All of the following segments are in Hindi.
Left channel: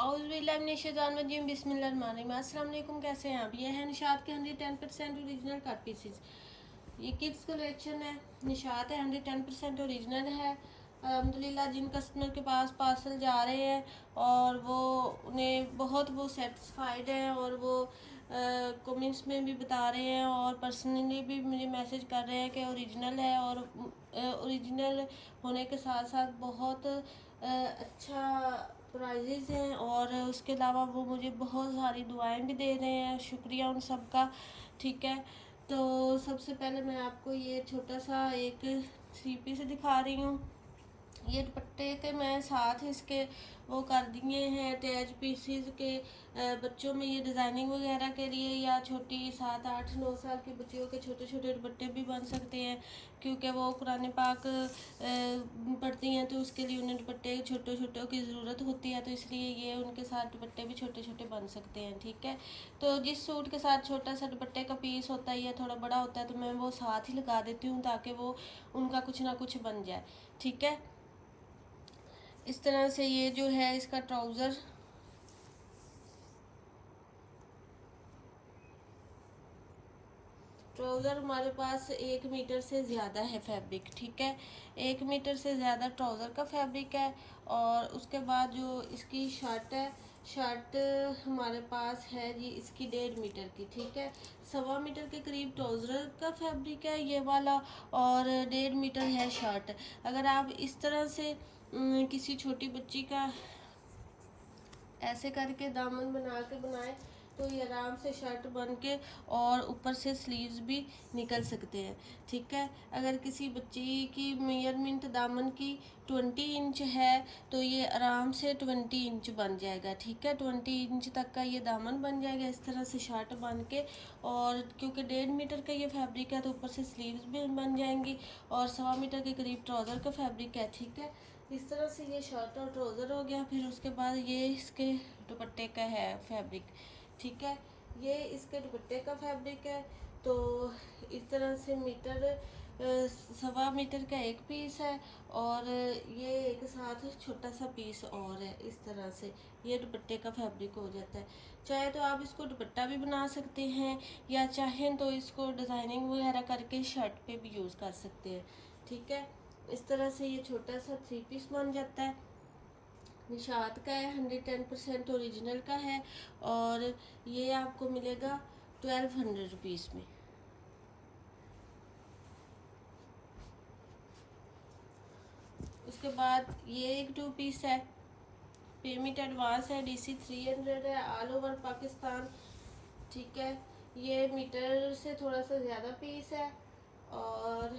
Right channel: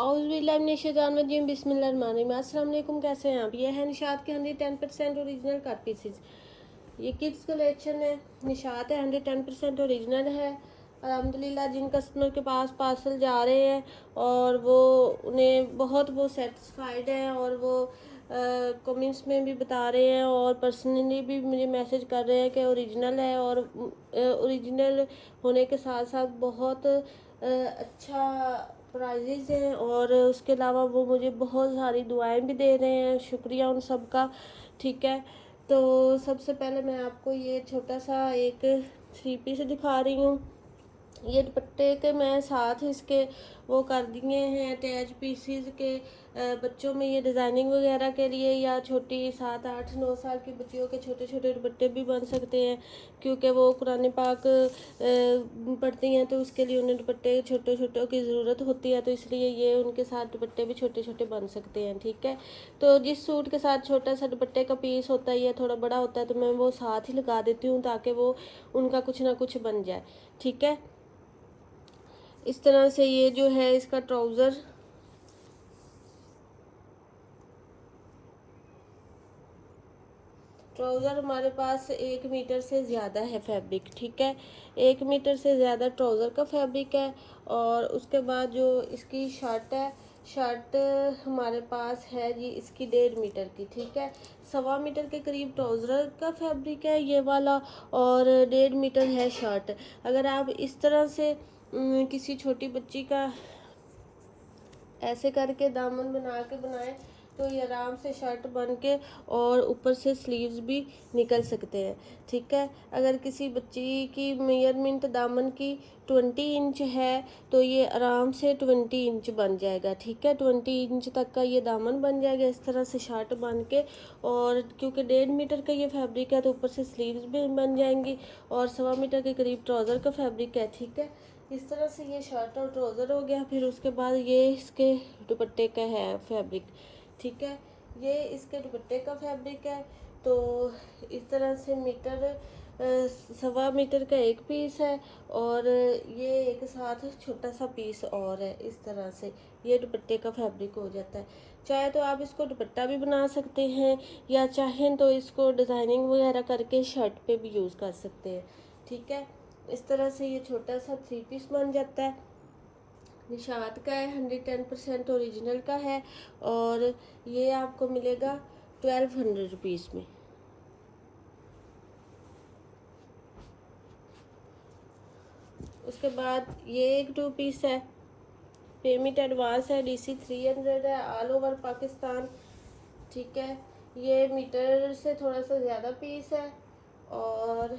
औज़ुबिल्लाहिमिनश्शैतानिर्रजीम बिस्मिल्लाहिर्रहमानिर्रहीम। अस्सलाम वालेकुम, कैसे हैं आप। ये है निशात के 110% ओरिजिनल कट पीसेस। ये किड्स कलेक्शन है, निशात है 110% ओरिजिनल है। अल्हम्दुलिल्लाह जिन कस्टमर के पास पार्सल जा रहे हैं और वो उन्हें बहुत वो सेटिस्फाइड हैं और वो कमेंट्स में भी बता रहे हैं और पर्सनली भी मुझे मैसेज कर रहे हैं कि ओरिजिनल है और ओरिजिनल होने के साथ साथ बहुत अच्छा प्राइजेज़ हैं और उसके अलावा वो मुझे बहुत सारी दुआएं भी दे रहे हैं। शुक्रिया उन सब का। ठीक है, तो सबसे पहले मैं आपको ये छोटा सा एक थ्री पीस दिखा रही हूँ। ये दुपट्टे के मैं साथ इसके वो कर दिए हैं अटैच पीसीज के। बच्चों में ये डिज़ाइनिंग वगैरह के लिए या छोटी 7 8 9 साल की बच्चियों के छोटे छोटे दुपट्टे भी बन सकते हैं, क्योंकि वो कुरान पाक पढ़ती हैं तो उसके लिए उन्हें दुपट्टे छोटे छोटों की ज़रूरत होती है, तो इसलिए ये उनके साथ दुपट्टे भी छोटे छोटे बन सकते हैं। ठीक है, तो जिस सूट के साथ छोटा सा दुपट्टे का पीस होता है या थोड़ा बड़ा होता है तो मैं वो साथ ही लगा देती हूँ ताकि वो उनका कुछ ना कुछ बन जाए। ठीक है, इस तरह से ये जो है इसका ट्राउज़र हमारे पास 1 मीटर से ज़्यादा है फैब्रिक। ठीक है, 1 मीटर से ज़्यादा ट्राउज़र का फैब्रिक है। और उसके बाद जो इसकी शर्ट है, शर्ट हमारे पास है जी इसकी 1.5 मीटर की। ठीक है, 1.25 मीटर के करीब ट्राउज़र का फैब्रिक है ये वाला और 1.5 मीटर है शर्ट। अगर आप इस तरह से किसी छोटी बच्ची का ऐसे करके दामन बना के बनाएं तो ये आराम से शर्ट बन के और ऊपर से स्लीव्स भी निकल सकते हैं। ठीक है, अगर किसी बच्ची की मेजरमेंट दामन की 20 इंच है तो ये आराम से 20 इंच बन जाएगा। ठीक है, 20 इंच तक का ये दामन बन जाएगा इस तरह से शर्ट बन के। और क्योंकि 1.5 मीटर का ये फैब्रिक है तो ऊपर से स्लीव्स भी बन जाएंगी और 1.25 मीटर के करीब ट्राउज़र का फैब्रिक है। ठीक है, इस तरह से ये शर्ट और ट्राउज़र हो गया। फिर उसके बाद ये इसके दुपट्टे का है फैब्रिक। ठीक है, ये इसके दुपट्टे का फैब्रिक है। तो इस तरह से 1.25 मीटर का एक पीस है और ये एक साथ छोटा सा पीस और है। इस तरह से ये दुपट्टे का फैब्रिक हो जाता है। चाहे तो आप इसको दुपट्टा भी बना सकते हैं या चाहें तो इसको डिज़ाइनिंग वगैरह करके शर्ट पे भी यूज़ कर सकते हैं। ठीक है, इस तरह से ये छोटा सा थ्री पीस बन जाता है। निशात का है, 110% ओरिजिनल का है और ये आपको मिलेगा 1200 रुपीज़ में। उसके बाद ये एक 2 पीस है, पेमेंट एडवांस है, DC 300 है, ऑल ओवर पाकिस्तान। ठीक है, ये मीटर से थोड़ा सा ज़्यादा पीस है और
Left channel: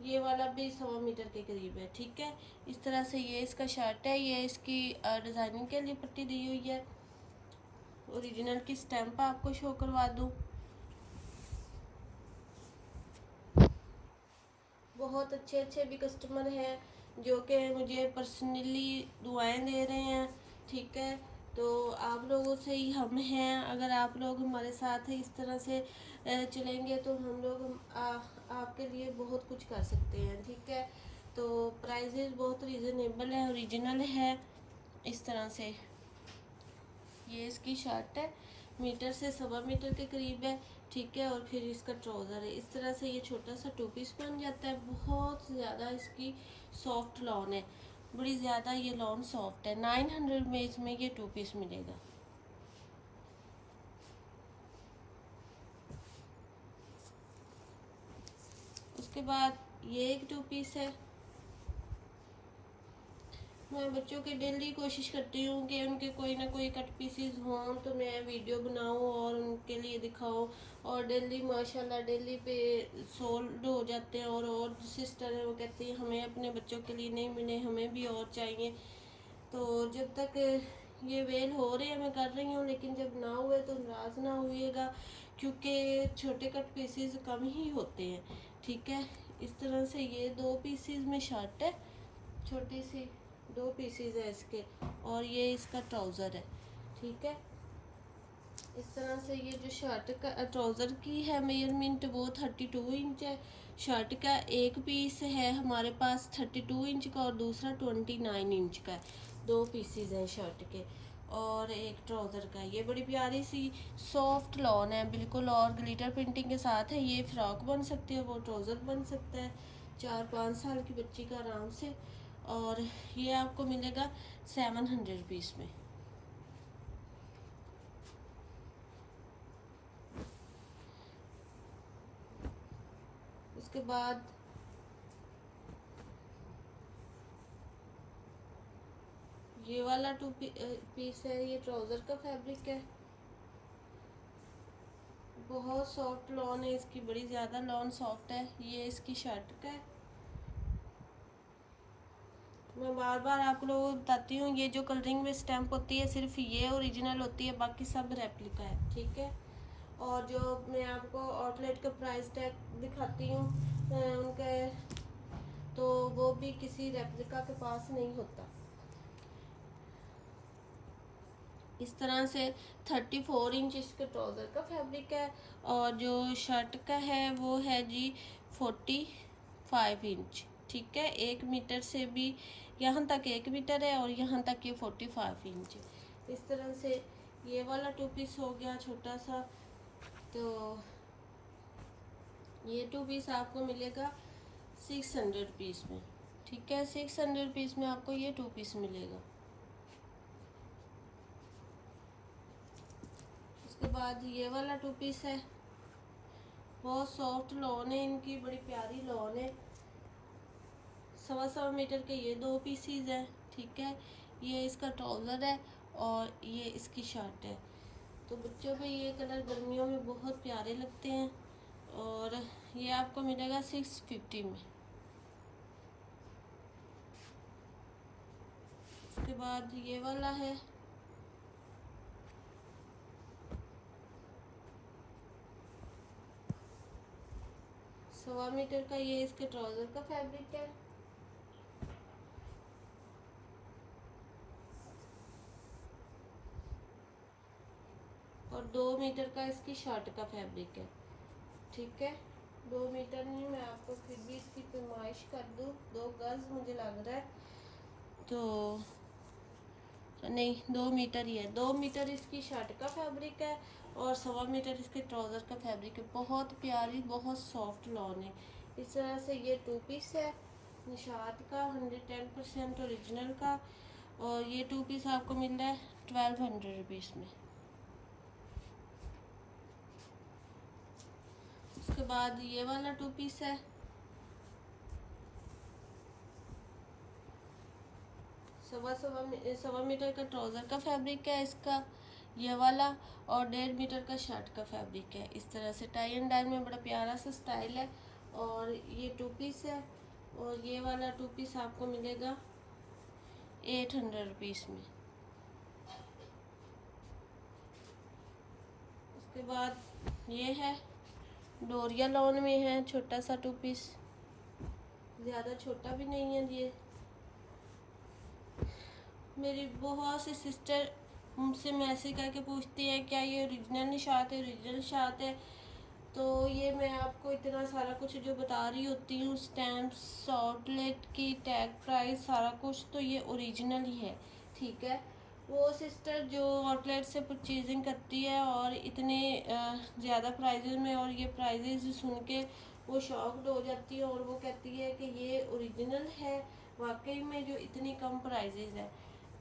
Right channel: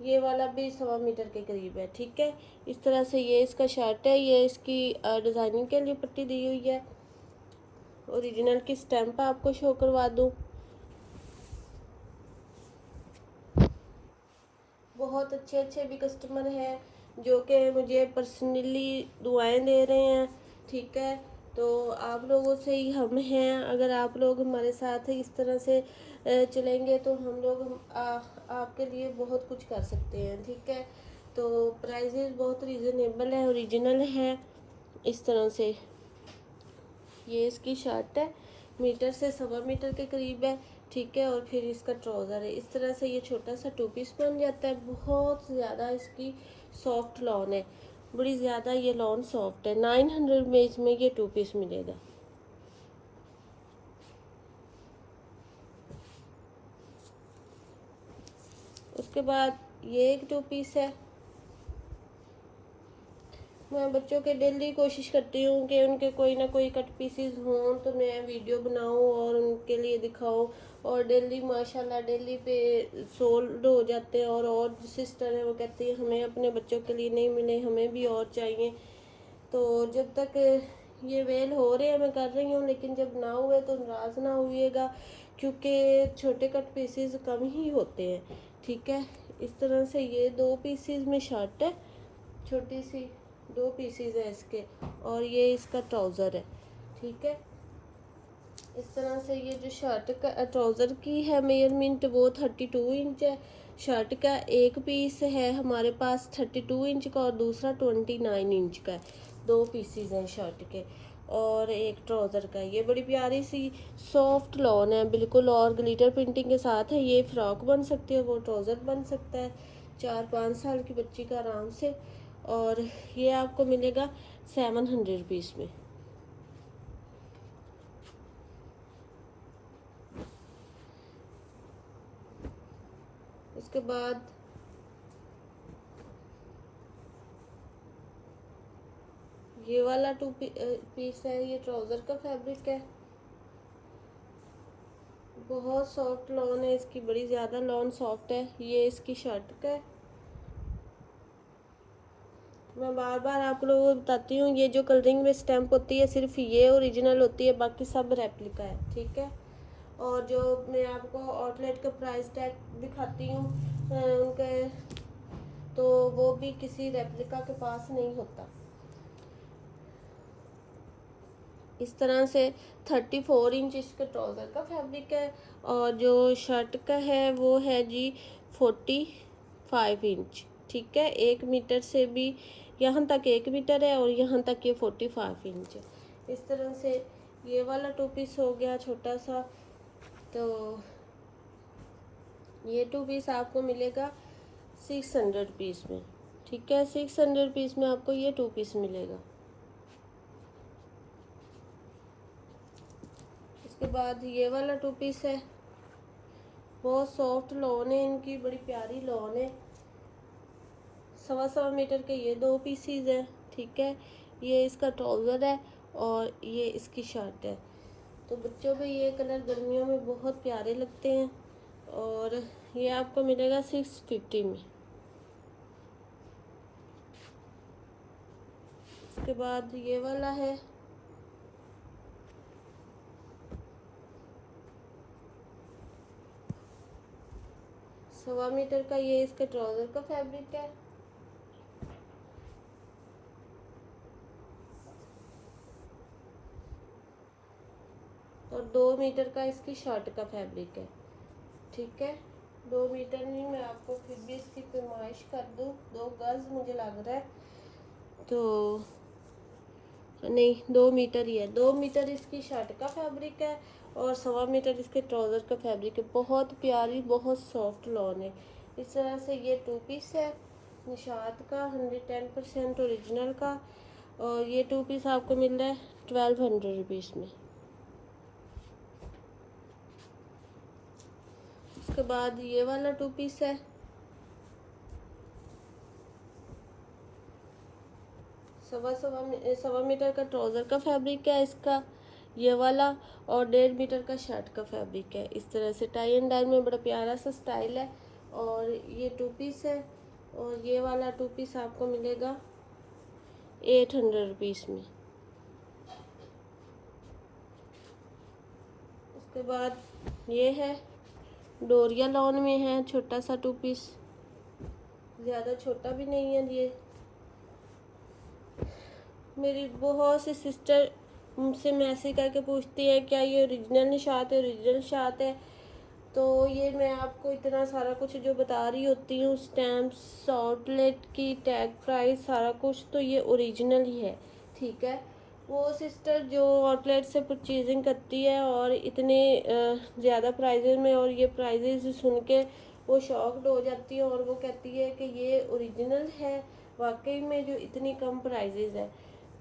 ये वाला भी 1.25 मीटर के करीब है। ठीक है, इस तरह से ये इसका शर्ट है। ये इसकी डिज़ाइनिंग के लिए पट्टी दी हुई है। ओरिजिनल की स्टैम्प आपको शो करवा दूँ। बहुत अच्छे अच्छे भी कस्टमर हैं जो कि मुझे पर्सनली दुआएं दे रहे हैं। ठीक है, तो आप लोगों से ही हम हैं। अगर आप लोग हमारे साथ इस तरह से चलेंगे तो हम लोग आपके लिए बहुत कुछ कर सकते हैं। ठीक है, तो प्राइजेस बहुत रीज़नेबल है, ओरिजिनल है। इस तरह से ये इसकी शर्ट है, मीटर से 1.25 मीटर के करीब है। ठीक है, और फिर इसका ट्राउज़र है। इस तरह से ये छोटा सा 2 पीस बन जाता है। बहुत ज़्यादा इसकी सॉफ्ट लॉन है, बड़ी ज़्यादा ये लॉन सॉफ्ट है। 900 में इसमें ये 2 पीस मिलेगा। उसके बाद ये एक 2 पीस है। मैं बच्चों के डेली कोशिश करती हूँ कि उनके कोई ना कोई कट पीसीज हों तो मैं वीडियो बनाऊँ और उनके लिए दिखाऊँ। और डेली माशाल्लाह डेली पे सोल्ड हो जाते हैं। और सिस्टर है वो कहती है हमें अपने बच्चों के लिए नहीं मिले, हमें भी और चाहिए। तो जब तक ये वेल हो रहे हैं मैं कर रही हूँ, लेकिन जब ना हुए तो नाराज़ ना हुईएगा क्योंकि छोटे कट पीसीज कम ही होते हैं। ठीक है, इस तरह से ये 2 पीसीज में शर्ट है, छोटी सी 2 पीसीज है इसके और ये इसका ट्राउज़र है। ठीक है, इस तरह से ये जो शर्ट का ट्राउज़र की है मेजरमेंट वो 32 इंच है। शर्ट का एक पीस है हमारे पास 32 इंच का और दूसरा 29 इंच का है। 2 पीसीज हैं शर्ट के और एक ट्राउज़र का। ये बड़ी प्यारी सी सॉफ्ट लॉन है बिल्कुल और ग्लिटर प्रिंटिंग के साथ है। ये फ्रॉक बन सकती है, वो ट्राउज़र बन सकता है 4-5 साल की बच्ची का आराम से। और ये आपको मिलेगा 700 रुपीज़ में। उसके बाद ये वाला 2 पीस है, ये ट्राउज़र का फैब्रिक है। बहुत सॉफ्ट लॉन है इसकी, बड़ी ज़्यादा लॉन सॉफ्ट है। ये इसकी शर्ट का है। मैं बार बार आप लोगों को बताती हूँ, ये जो कलरिंग में स्टैम्प होती है सिर्फ ये ओरिजिनल होती है, बाकी सब रेप्लिका है, ठीक है। और जो मैं आपको आउटलेट का प्राइस टैग दिखाती हूँ उनके, तो वो भी किसी रेप्लिका के पास नहीं होता। इस तरह से 34 इंच इसके ट्राउज़र का फैब्रिक है और जो शर्ट का है वो है जी 45 इंच, ठीक है। 1 मीटर से भी यहाँ तक 1 मीटर है और यहाँ तक ये 45 इंच है। इस तरह से ये वाला 2 पीस हो गया छोटा सा। तो ये 2 पीस आपको मिलेगा 600 रुपीज़ में, ठीक है। 600 रुपीज़ में आपको ये 2 पीस मिलेगा। उसके बाद ये वाला 2 पीस है, बहुत सॉफ्ट लॉन है इनकी, बड़ी प्यारी लॉन है। 1.25 मीटर के ये 2 पीसीज है, ठीक है। ये इसका ट्राउज़र है और ये इसकी शर्ट है। तो बच्चों पे ये कलर गर्मियों में बहुत प्यारे लगते हैं और ये आपको मिलेगा 650 में। उसके बाद ये वाला है, सवा मीटर का, ये इसके ट्राउज़र का फैब्रिक है। और 2 मीटर का इसकी शर्ट का फैब्रिक है, ठीक है। 2 मीटर नहीं, मैं आपको फिर भी इसकी पैमाइश कर दूँ, 2 गज मुझे लग रहा है, तो नहीं 2 मीटर ही है। 2 मीटर इसकी शर्ट का फैब्रिक है और 1.25 मीटर इसके ट्राउज़र का फैब्रिक है। बहुत प्यारी बहुत सॉफ्ट लॉन है। इस तरह से ये 2 पीस है निशात का 110% ओरिजिनल का और ये 2 पीस आपको मिल रहा है 1200 रुपीज़ में। उसके बाद ये वाला 2 पीस है, सवा मीटर का ट्राउज़र का फैब्रिक है इसका ये वाला और 1.5 मीटर का शर्ट का फैब्रिक है। इस तरह से टाई एंड डाई में बड़ा प्यारा सा स्टाइल है। और ये 2 पीस है और ये वाला 2 पीस आपको मिलेगा 800 रुपीज़ में। उसके बाद ये है डोरिया लॉन में है, छोटा सा 2 पीस, ज़्यादा छोटा भी नहीं है। ये मेरी बहुत सी सिस्टर मुझसे मैसेज करके पूछती है क्या ये ओरिजिनल निशात है, ओरिजिनल निशात है। तो ये मैं आपको इतना सारा कुछ जो बता रही होती हूँ, स्टैम्प्स, आउटलेट की टैग प्राइस, सारा कुछ, तो ये ओरिजिनल ही है, ठीक है। वो सिस्टर जो आउटलेट से परचेजिंग करती है और इतने ज़्यादा प्राइजेज़ में, और ये प्राइजेज़ सुन के वो शॉक्ड हो जाती है और वो कहती है कि ये ओरिजिनल है वाकई में, जो इतनी कम प्राइजेज़ है।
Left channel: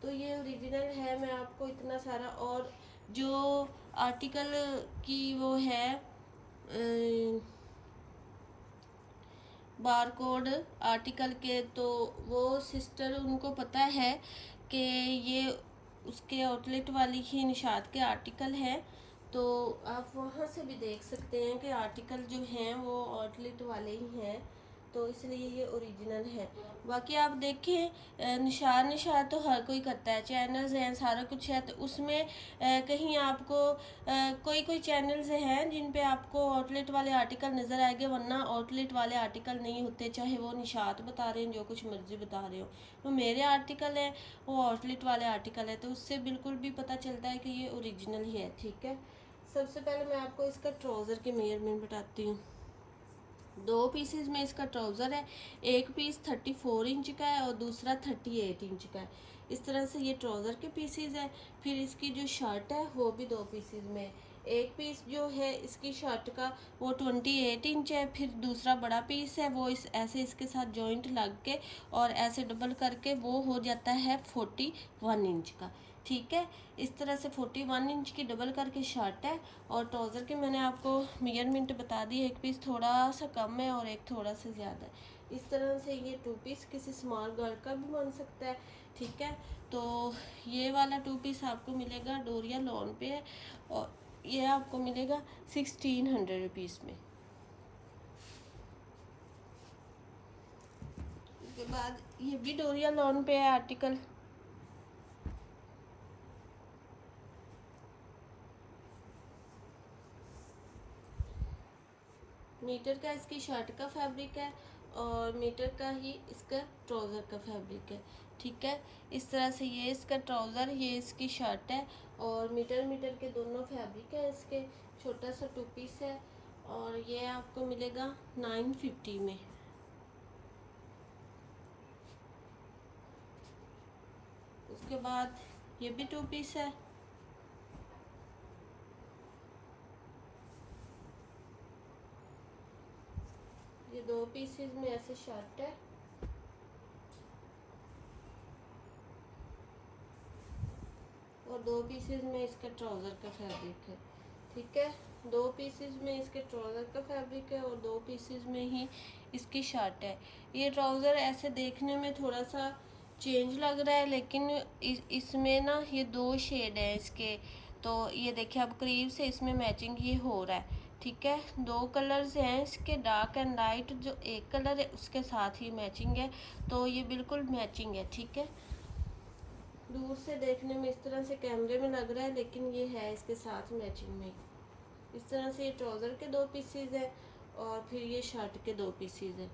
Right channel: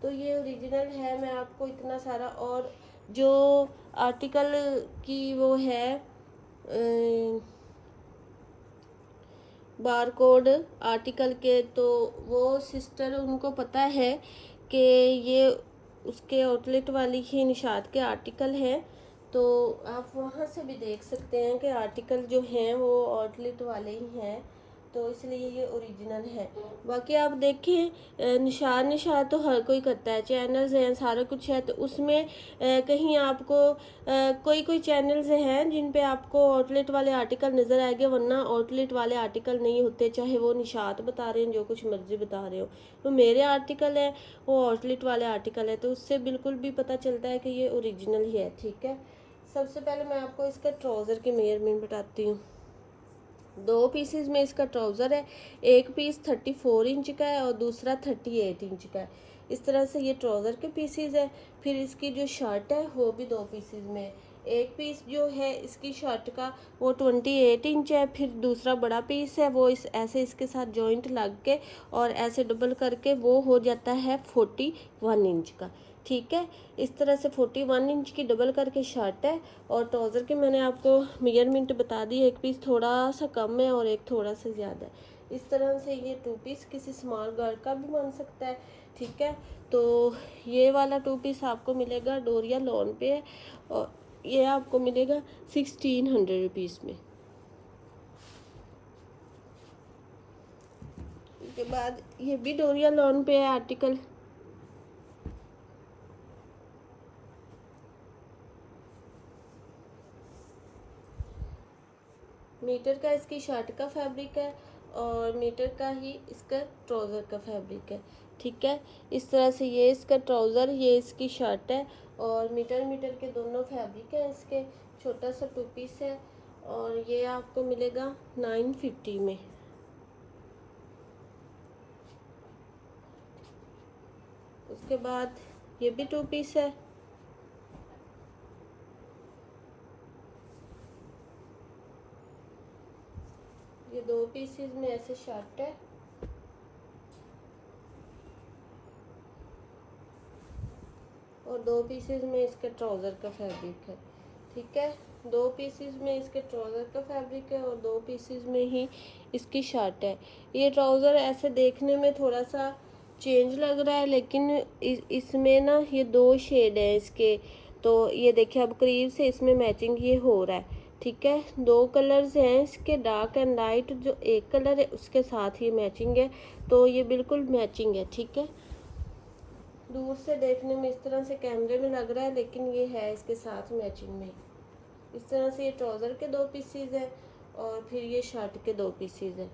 तो ये ओरिजिनल है। मैं आपको इतना सारा, और जो आर्टिकल की वो है बार कोड आर्टिकल के, तो वो सिस्टर उनको पता है कि ये उसके आउटलेट वाली ही निशात के आर्टिकल हैं, तो आप वहाँ से भी देख सकते हैं कि आर्टिकल जो हैं वो आउटलेट वाले ही हैं, तो इसलिए ये ओरिजिनल है। बाकी आप देखिए निशात तो हर कोई करता है, चैनल्स हैं, सारा कुछ है, तो उसमें कहीं आपको कोई कोई चैनल्स हैं जिन पे आपको आउटलेट वाले आर्टिकल नज़र आएंगे, वरना आउटलेट वाले आर्टिकल नहीं होते, चाहे वो निशात बता रहे हैं जो कुछ मर्जी बता रहे हो। तो मेरे आर्टिकल है वो आउटलेट वाले आर्टिकल है, तो उससे बिल्कुल भी पता चलता है कि ये ओरिजिनल ही है, ठीक है। सबसे पहले मैं आपको इसका ट्राउज़र के मेजरमेंट बताती हूँ। 2 पीसेस में इसका ट्राउज़र है, एक पीस 34 इंच का है और दूसरा 38 इंच का है। इस तरह से ये ट्राउज़र के पीसीज है। फिर इसकी जो शर्ट है वो भी दो पीसीज में है। एक पीस जो है इसकी शर्ट का वो 28 इंच है। फिर दूसरा बड़ा पीस है वो इस ऐसे इसके साथ जॉइंट लग के और ऐसे डबल करके वो हो जाता है 41 इंच का। ठीक है, इस तरह से 41 इंच की डबल करके शर्ट है। और ट्राउज़र के मैंने आपको मेजरमेंट बता दी, एक पीस थोड़ा सा कम है और एक थोड़ा सा ज़्यादा है। इस तरह से ये टू पीस किसी स्मॉल गर्ल का भी बन सकता है। ठीक है, तो ये वाला टू पीस आपको मिलेगा डोरिया लॉन पे है और ये आपको मिलेगा 1600 रुपीज़ में। उसके बाद ये भी डोरिया लॉन पे है आर्टिकल। मीटर का इसकी शर्ट का फैब्रिक है और मीटर का ही इसका ट्राउज़र का फैब्रिक है। ठीक है, इस तरह से ये इसका ट्राउज़र, ये इसकी शर्ट है और मीटर मीटर के दोनों फैब्रिक है इसके। छोटा सा टू पीस है और ये आपको मिलेगा 950 में। उसके बाद ये भी टू पीस है। ये दो पीसेस में ऐसे शर्ट है और दो पीसेस में इसके ट्राउज़र का फैब्रिक है। ठीक है, दो पीसेस में इसके ट्राउज़र का फैब्रिक है और दो पीसेस में ही इसकी शर्ट है। ये ट्राउज़र ऐसे देखने में थोड़ा सा चेंज लग रहा है लेकिन इसमें ना ये दो शेड है इसके। तो ये देखिए अब करीब से इसमें मैचिंग ये हो रहा है। ठीक है, दो कलर्स हैं इसके, डार्क एंड लाइट। जो एक कलर है उसके साथ ही मैचिंग है, तो ये बिल्कुल मैचिंग है। ठीक है, दूर से देखने में इस तरह से कैमरे में लग रहा है लेकिन ये है इसके साथ मैचिंग में। इस तरह से ये ट्राउज़र के दो पीसीज है और फिर ये शर्ट के दो पीसीज है।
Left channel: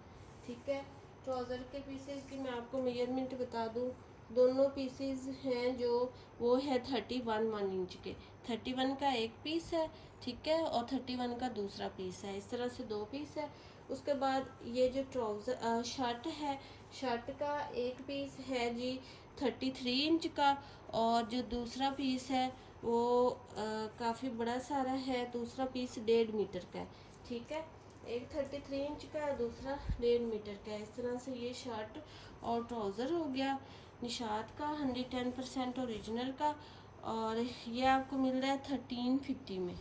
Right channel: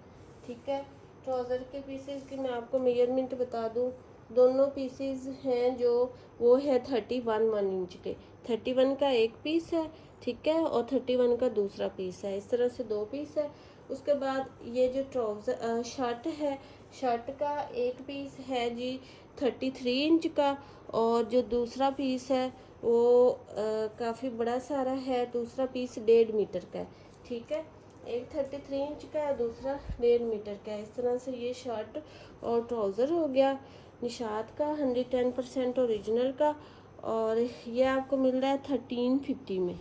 ठीक है, ट्राउज़र के पीसीज की मैं आपको मेजरमेंट बता दूं। दोनों पीसीज हैं जो वो है 31 इंच के। 31 का एक पीस है, ठीक है, और 31 का दूसरा पीस है। इस तरह से दो पीस है। उसके बाद ये जो ट्राउज़र शर्ट है, शर्ट का एक पीस है जी 33 इंच का और जो दूसरा पीस है वो काफ़ी बड़ा सारा है। दूसरा पीस 1.5 मीटर का है। ठीक है, एक 33 इंच का है, दूसरा 1.5 मीटर का है। इस तरह से ये शर्ट और ट्राउज़र हो गया निशात का 110% ओरिजिनल का और ये आपको मिल रहा है 1350 में।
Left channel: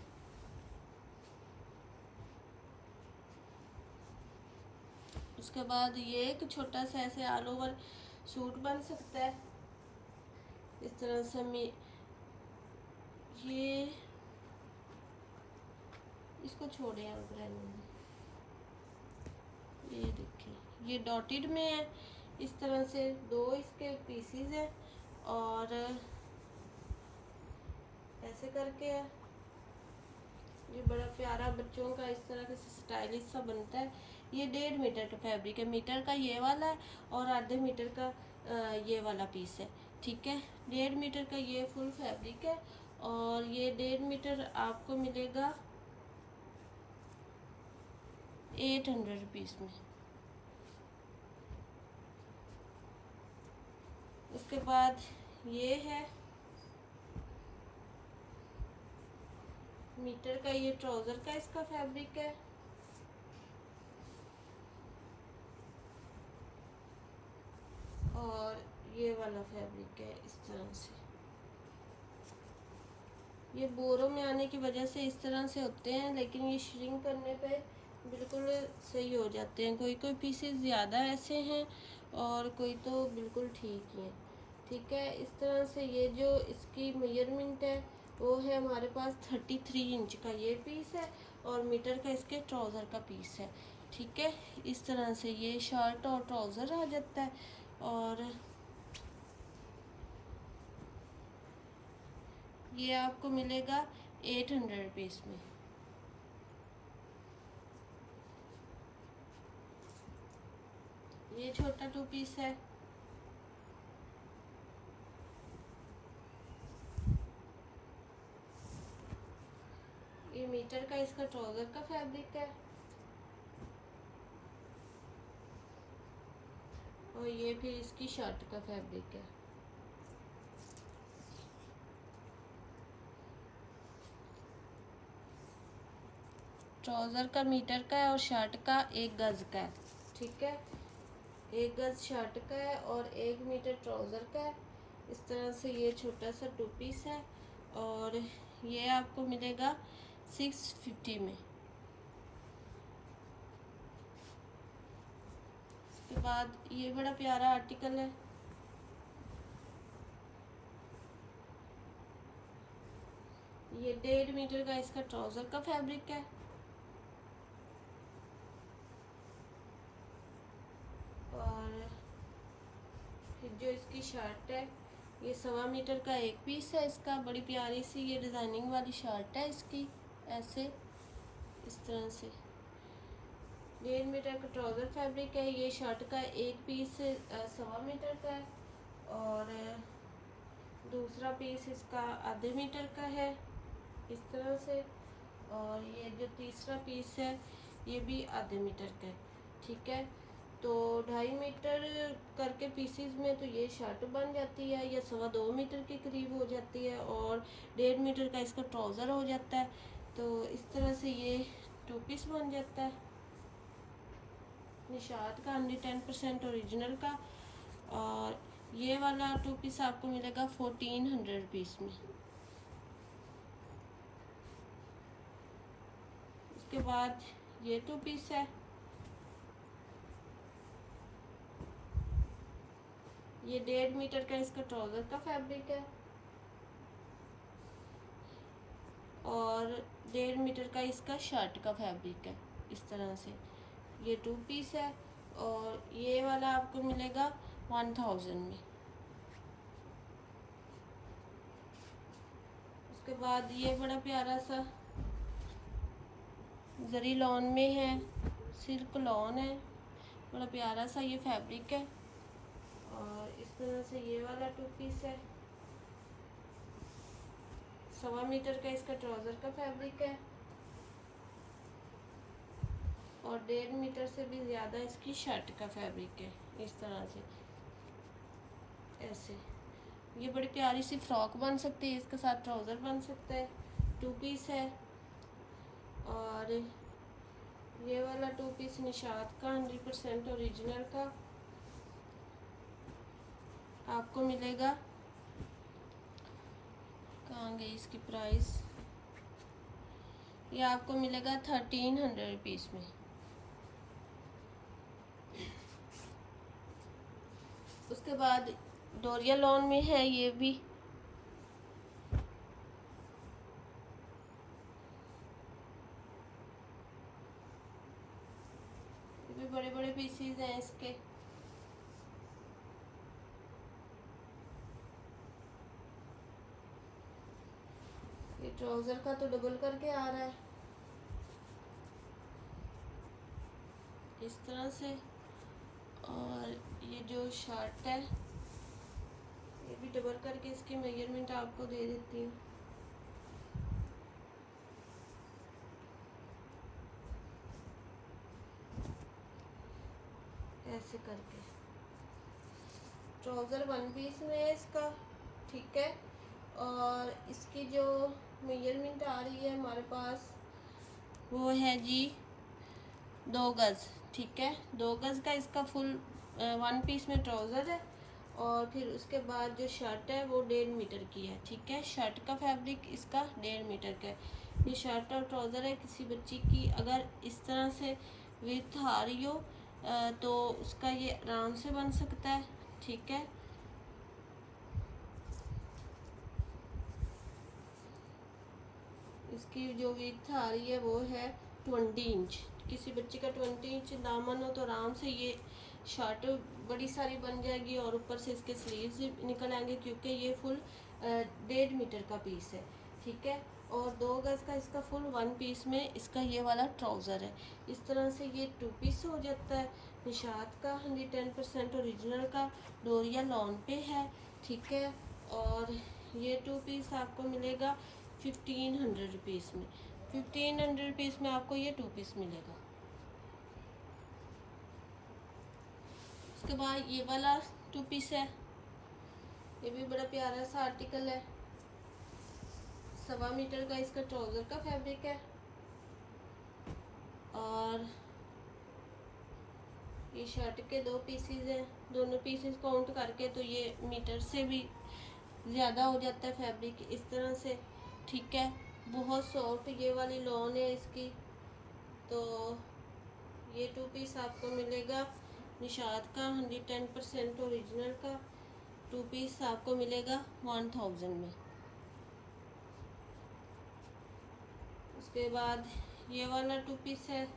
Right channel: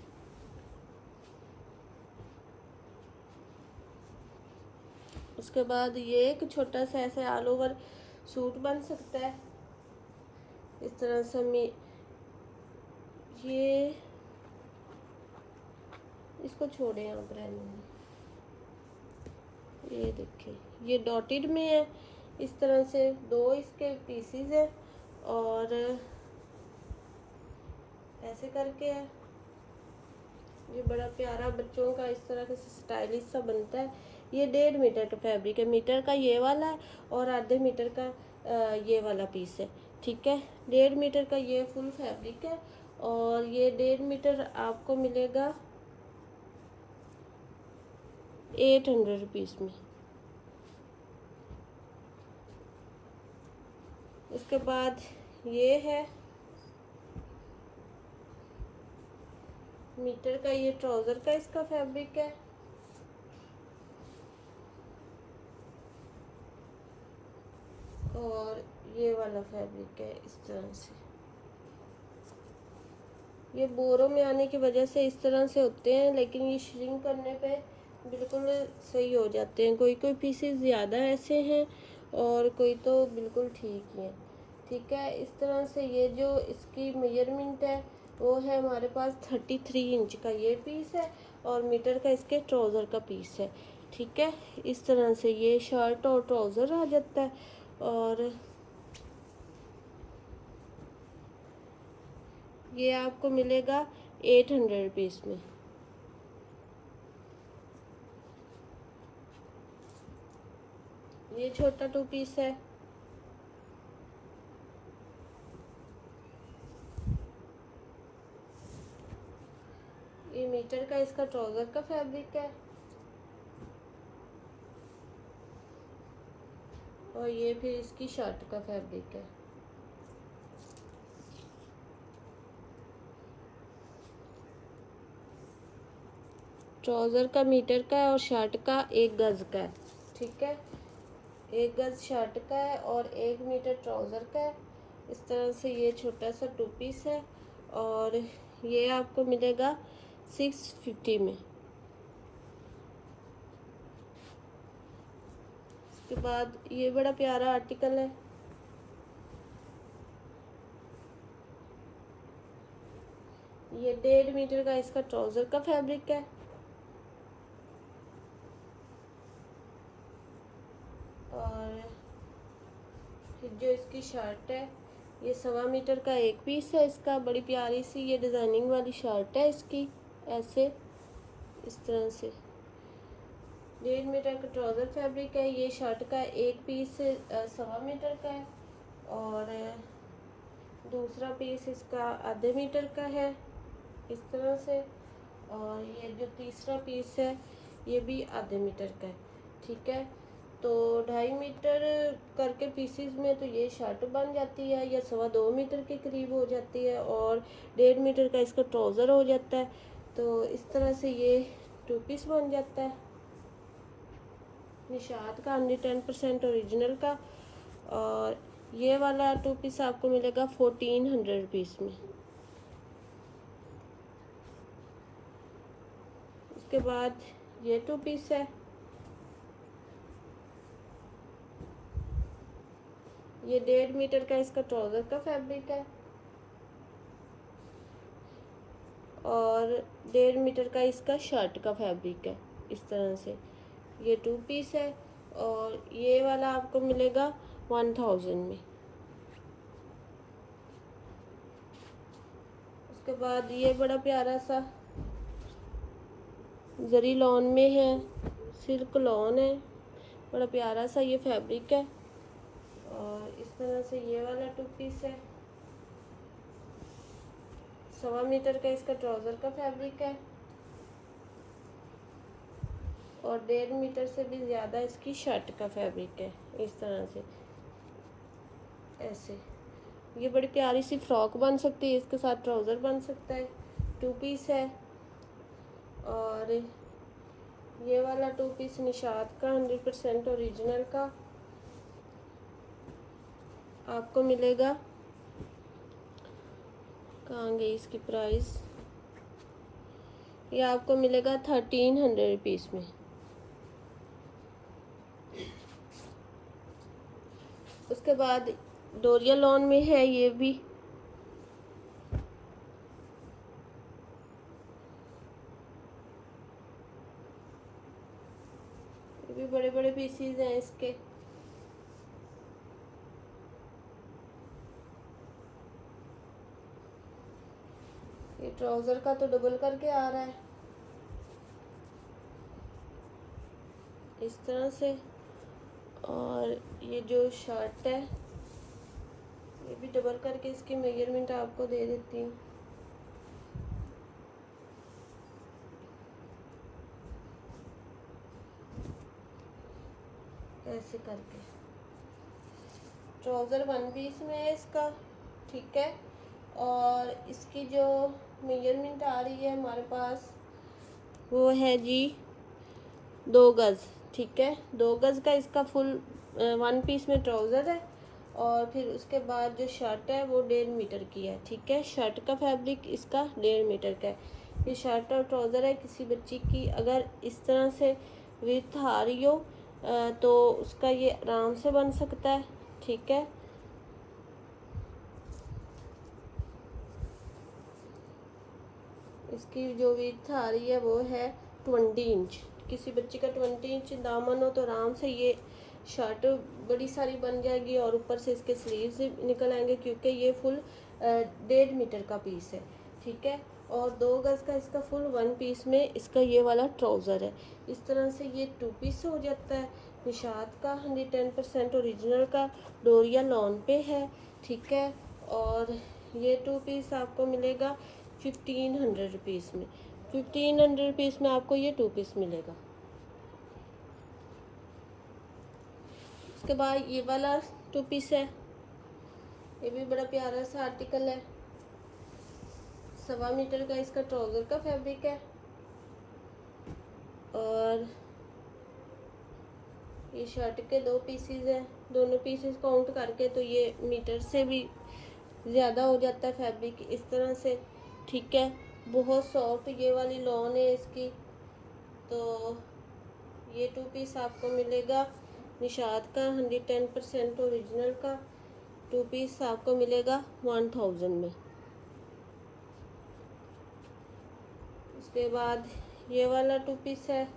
उसके बाद ये एक छोटा सा ऐसे ऑल ओवर सूट बन सकता है इस तरह से। ये इसको छोड़े आप रहने में। ये देखिए ये डॉटेड में है। इस तरह से दो इसके पीसीज है और ऐसे करके है। ये बड़ा प्यारा बच्चों का इस तरह का स्टाइलिश सा बनता है। ये 1.5 मीटर का फैब्रिक है। मीटर का ये वाला है और आधे मीटर का ये वाला पीस है। ठीक है, 1.5 मीटर का ये फुल फैब्रिक है और ये 1.5 मीटर आपको मिलेगा 800 रुपीज़ में। उसके बाद ये है मीटर का, ये ट्राउज़र का इसका फैब्रिक है और ये वाला फैब्रिक है इस तरह से। ये बोरों में आने की वजह से इस तरह से होते हैं लेकिन ये श्रिंक करने पे बिल्कुल सही हो जाते हैं। कोई कोई पीसेस ज़्यादा ऐसे हैं और कोई तो बिल्कुल ठीक ही हैं। ठीक है, इस तरह से ये जो इसकी मेजरमेंट है वो है हमारे पास 33 इंच का ये पीस है और मीटर का इसके ट्राउज़र का पीस है। ठीक है, इस तरह से ये शर्ट और ट्राउज़र आ जाता है और ये आपको मिलेगा 800 रुपीज़ में। ये छोटा टू पीस है। ये मीटर का इसका ट्राउज़र का फैब्रिक है और ये फिर इसकी शर्ट का फैब्रिक है। ट्राउज़र का मीटर का है और शर्ट का 1 गज़ का है, ठीक है। 1 गज़ शर्ट का है और 1 मीटर ट्राउज़र का है। इस तरह से ये छोटा सा 2 पीस है और ये आपको मिलेगा 650 में। इसके बाद ये बड़ा प्यारा आर्टिकल है, ये 1.5 मीटर का इसका ट्राउज़र का फैब्रिक है और फिर जो इसकी शर्ट है ये 1.25 मीटर का 1 पीस है इसका। बड़ी प्यारी सी ये डिज़ाइनिंग वाली शर्ट है इसकी, ऐसे इस तरह से 1.5 मीटर का ट्राउज़र फैब्रिक है। ये शर्ट का 1 पीस 1.25 मीटर का है और दूसरा पीस इसका आधे मीटर का है इस तरह से, और ये जो तीसरा पीस है ये भी आधे मीटर का है, ठीक है। तो 2.5 मीटर करके पीसीज में तो ये शर्ट बन जाती है, या 2.25 मीटर के करीब हो जाती है और 1.5 मीटर का इसका ट्राउज़र हो जाता है। तो इस तरह से ये 2 पीस बन जाता है निशात का 110% ओरिजिनल का। और ये वाला 2 पीस आपको मिलेगा 1400 रुपीज़ में। उसके बाद ये 2 पीस है, ये 1.5 मीटर का इसका ट्राउज़र का फैब्रिक है और 1.5 मीटर का इसका शर्ट का फैब्रिक है इस तरह से। ये 2 पीस है और ये वाला आपको मिलेगा 1000 में। उसके बाद ये बड़ा प्यारा सा जरी लॉन में है, सिल्क लॉन है, बड़ा प्यारा सा ये फैब्रिक है और इस तरह से ये वाला 2 पीस है। 1.25 मीटर का इसका ट्राउज़र का फैब्रिक है और 1.5 मीटर से भी ज़्यादा इसकी शर्ट का फैब्रिक है इस तरह से, ऐसे। ये बड़ी प्यारी सी फ्रॉक बन सकती है, इसके साथ ट्राउज़र बन सकता है। 2 पीस है और ये वाला 2 पीस निशात का 100% ओरिजिनल का आपको मिलेगा, कहाँ गई इसकी प्राइस, ये आपको मिलेगा 1300 रुपीज़ में। उसके बाद डोरिया लॉन में है ये भी, बड़े बड़े पीसीज हैं इसके। ये ट्राउज़र का तो डबल करके आ रहा है इस तरह से, और ये जो शर्ट है ये भी डबल करके इसकी मेजरमेंट आपको दे देती हूँ। ऐसे करके ट्राउज़र 1 पीस में है इसका, ठीक है। और इसकी जो मेजरमेंट आ रही है हमारे पास वो है जी 2 गज़, ठीक है। 2 गज़ का इसका फुल 1 पीस में ट्राउज़र है और फिर उसके बाद जो शर्ट है वो 1.5 मीटर की है, ठीक है। शर्ट का फैब्रिक इसका 1.5 मीटर का है। ये शर्ट और ट्राउज़र है, किसी बच्ची की अगर इस तरह से विड्थ आ रही हो तो उसका ये आराम से बन सकता है, ठीक है। इसकी जो विड्थ आ रही है वो है 20 इंच। किसी बच्चे का 20 इंच दामन हो तो आराम से ये शर्ट बड़ी सारी बन जाएगी और ऊपर से इसके स्लीव्स निकल आएंगे, क्योंकि ये फुल 1.5 मीटर का पीस है, ठीक है। और 2 गज़ का इसका फुल 1 पीस में इसका ये वाला ट्राउज़र है। इस तरह से ये 2 पीस हो जाता है निशात का 110% ओरिजिनल का, डोरिया लॉन पे है, ठीक है। और ये 2 पीस आपको मिलेगा 1500 रुपीज़ में। 1500 रुपीज़ में आपको ये 2 पीस मिलेगा। उसके बाद ये वाला 2 पीस है, ये भी बड़ा प्यारा सा आर्टिकल है। 1.25 मीटर का इसका ट्राउज़र का फैब्रिक है और ये शर्ट के 2 पीसीज हैं, दोनों पीसेस काउंट करके तो ये मीटर से भी ज़्यादा हो जाता है फैब्रिक इस तरह से। ठीक है, बहुत सॉफ्ट ये वाली लॉन है इसकी। तो ये 2 पीस आपको मिलेगा निशात का 110% ओरिजिनल का 2 पीस आपको मिलेगा 1000 में। उसके बाद ये वाला 2 पीस है,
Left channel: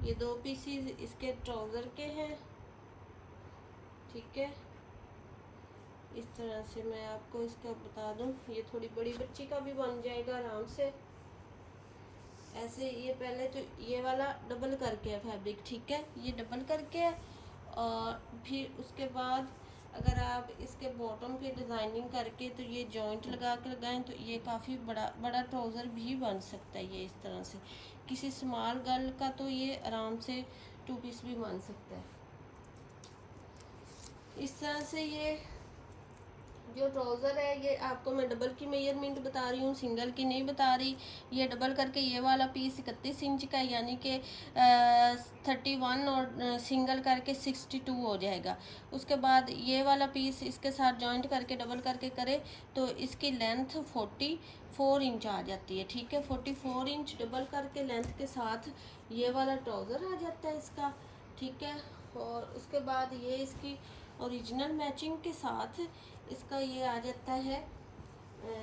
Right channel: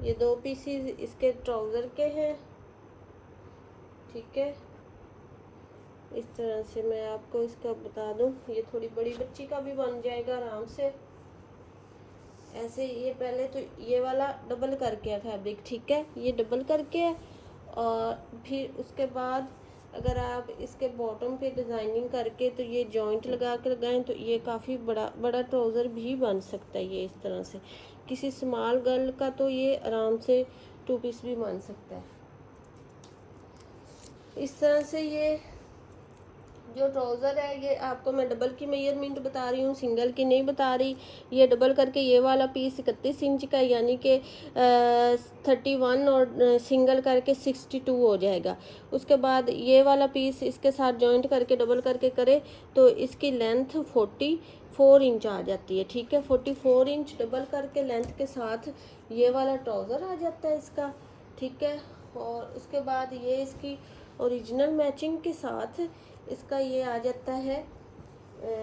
ये 2 पीसीज इसके ट्राउज़र के हैं। ठीक है, इस तरह से मैं आपको इसका बता दूं, ये थोड़ी बड़ी बच्ची का भी बन जाएगा आराम से। ऐसे ये पहले तो ये वाला डबल करके है फैब्रिक। ठीक है, ये डबल करके है और फिर उसके बाद अगर आप इसके बॉटम पे डिज़ाइनिंग करके तो ये जॉइंट लगा कर लगाएं तो ये काफ़ी बड़ा बड़ा ट्राउज़र भी बन सकता है। ये इस तरह से किसी स्मॉल गर्ल का तो ये आराम से 2 पीस भी बन सकता है। इस तरह से ये जो ट्राउज़र है ये आपको मैं डबल की मेजरमेंट बता रही हूँ, सिंगल की नहीं बता रही। ये डबल करके ये वाला पीस 31 इंच का यानी कि 31 और सिंगल करके 62 हो जाएगा। उसके बाद ये वाला पीस इसके साथ जॉइंट करके डबल करके करे तो इसकी लेंथ 44 इंच आ जाती है। ठीक है, 44 इंच डबल करके लेंथ के साथ ये वाला ट्राउज़र आ जाता है इसका। ठीक है, और उसके बाद ये इसकी ओरिजिनल मैचिंग के साथ इसका ये आ जाता है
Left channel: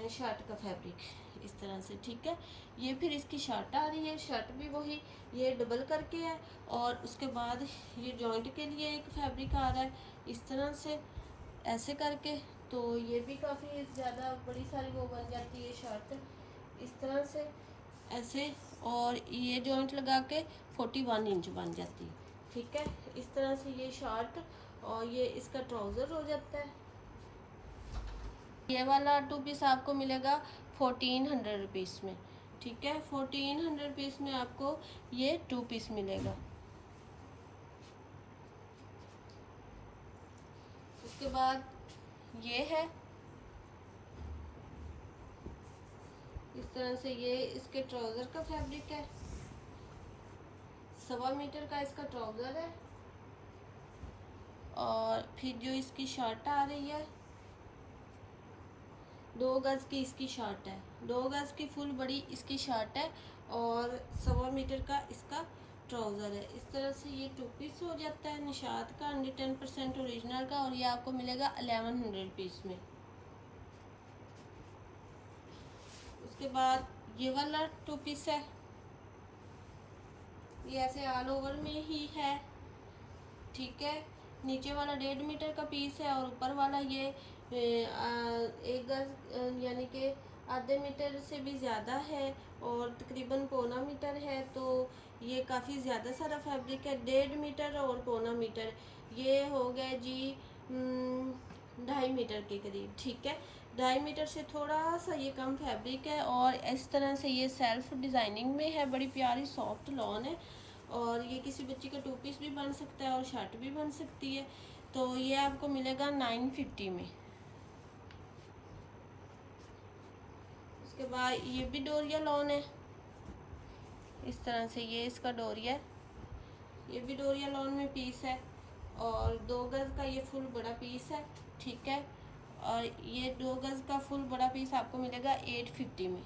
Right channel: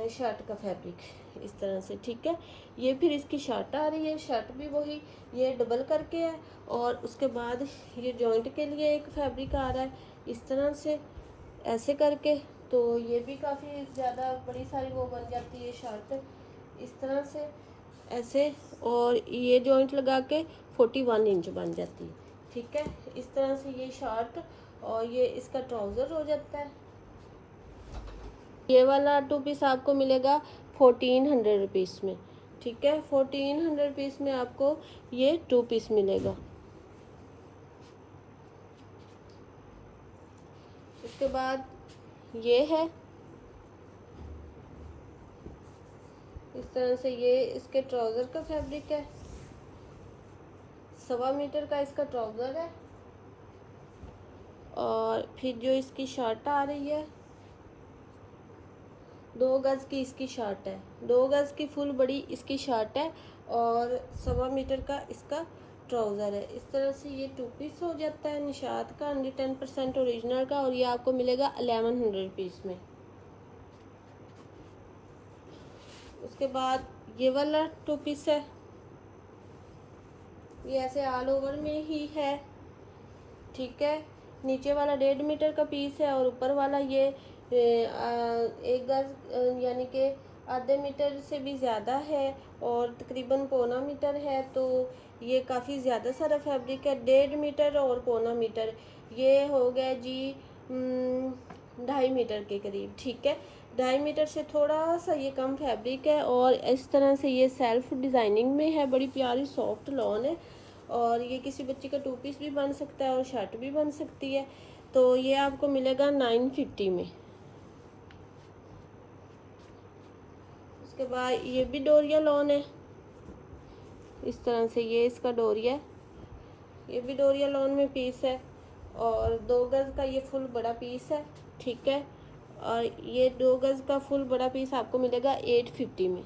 शर्ट का फैब्रिक इस तरह से। ठीक है, ये फिर इसकी शर्ट आ रही है, शर्ट भी वही ये डबल करके है और उसके बाद ये जॉइंट के लिए एक फैब्रिक आ रहा है इस तरह से ऐसे करके। तो ये भी काफ़ी ज़्यादा बड़ी सारी वो बन जाती है शर्ट इस तरह से ऐसे, और ये जॉइंट लगा के 41 इंच बन जाती है। ठीक है, इस तरह से ये शर्ट और ये इसका ट्राउज़र हो जाता है। ये वाला 2 पीस आपको मिलेगा 1400 रुपीज़ में। ठीक है, 1400 रुपीज़ में आपको ये 2 पीस मिलेगा। उसके बाद ये है इस तरह से, ये इसके ट्राउज़र का फैब्रिक है, 1.25 मीटर का इसका ट्राउज़र है और फिर जो इसकी शर्ट आ रही है 2 गज़ की इसकी शर्ट है, 2 गज़ की फुल बड़ी इसकी शर्ट है और 1.25 मीटर का इसका ट्राउज़र है। इस तरह से ये 2 पीस हो जाता है निशात का 110% ओरिजिनल का और ये आपको मिलेगा 1100 रुपीज़ में। उसके बाद ये वाला 2 पीस है, ये ऐसे ऑल ओवर में ही है। ठीक है, नीचे वाला 1.5 मीटर का पीस है और ऊपर वाला ये 1 गज़ यानी कि आधे मीटर से भी ज़्यादा है और तकरीबन 1.25 मीटर है। तो ये काफ़ी ज़्यादा सारा फैब्रिक है, 1.5 मीटर और 1.25 मीटर, ये हो गया जी 2.5 मीटर के करीब। ठीक है, 2.5 मीटर से थोड़ा सा ये कम फैब्रिक है और इस तरह से ये सेल्फ डिज़ाइनिंग में है, बड़ी प्यारी सॉफ्ट लॉन है और ये किसी बच्ची का 2 पीस भी बन सकता है और शर्ट भी बन सकती है। तो ये आपको मिलेगा 950 में। उसके बाद ये भी डोरिया लॉन है इस तरह से, ये इसका डोरिया है, ये भी डोरिया लॉन में पीस है और 2 गज़ का ये फुल बड़ा पीस है। ठीक है, और ये 2 गज़ का फुल बड़ा पीस आपको मिलेगा 850 में।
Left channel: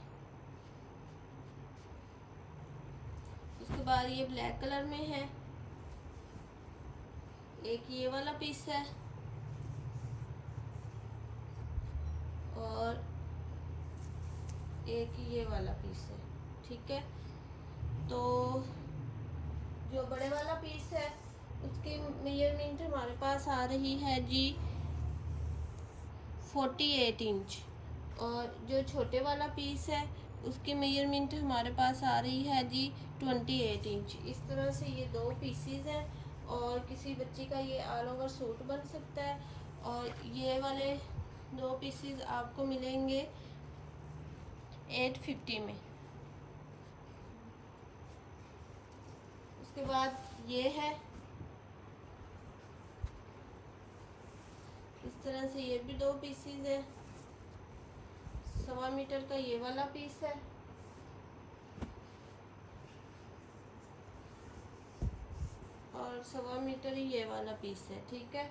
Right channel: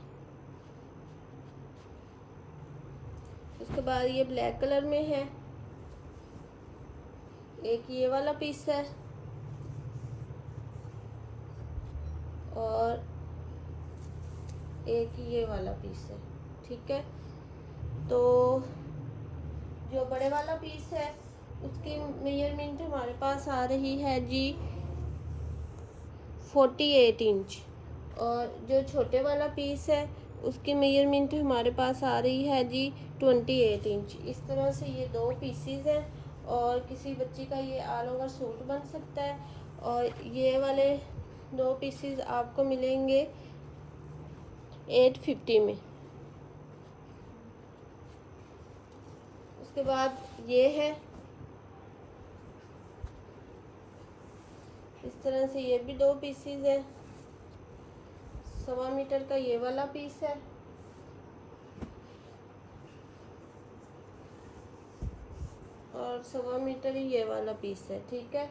उसके बाद ये ब्लैक कलर में है, एक ये वाला पीस है और एक ये वाला पीस है। ठीक है, तो जो बड़े वाला पीस है उसकी मेजरमेंट हमारे पास आ रही है जी 48 इंच और जो छोटे वाला पीस है उसकी मेजरमेंट हमारे पास आ रही है जी 28 इंच। इस तरह से ये 2 पीसीज हैं और किसी बच्ची का ये ऑल ओवर सूट बन सकता है और ये वाले 2 पीसीज आपको मिलेंगे 850 में। उसके बाद ये है इस तरह से, ये भी 2 पीसीज है 1.25 मीटर का ये वाला पीस है, और 1.25 मीटर ही ये वाला पीस है। ठीक है,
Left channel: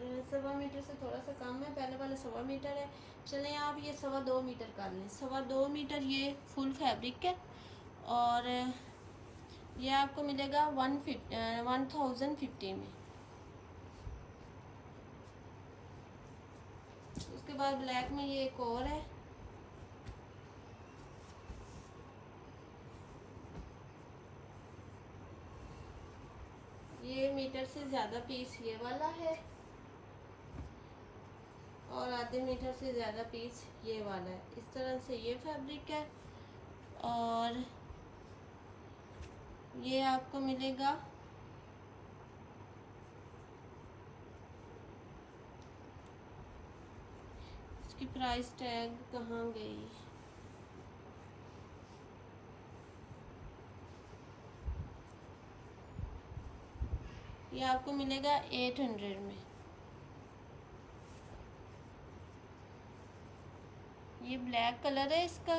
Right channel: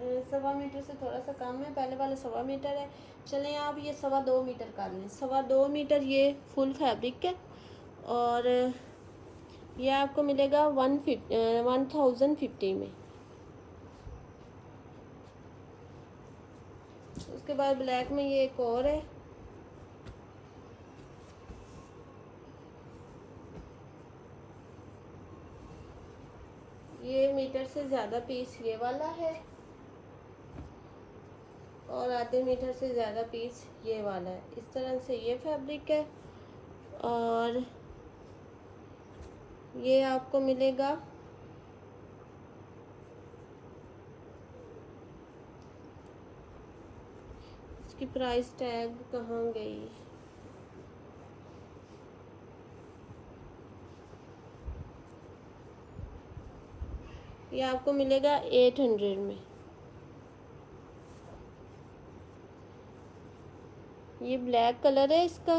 1.25 मीटर से थोड़ा सा कम है, पहले वाला 1.25 मीटर है। चलें आप ये 2.25 मीटर कर लें। 2.25 मीटर ये फुल फैब्रिक है, और ये आपको मिलेगा 1050 में। उसके बाद ब्लैक में ये एक और है, ये मीटर से ज़्यादा पीस ये वाला है, और आधे मीटर से ज़्यादा पीस ये वाला है। इस तरह से ये फैब्रिक है, और ये आपको मिलेगा इसकी प्राइस टैग कहाँ गई, ये आपको मिलेगा 800 में। ये ब्लैक कलर है इसका,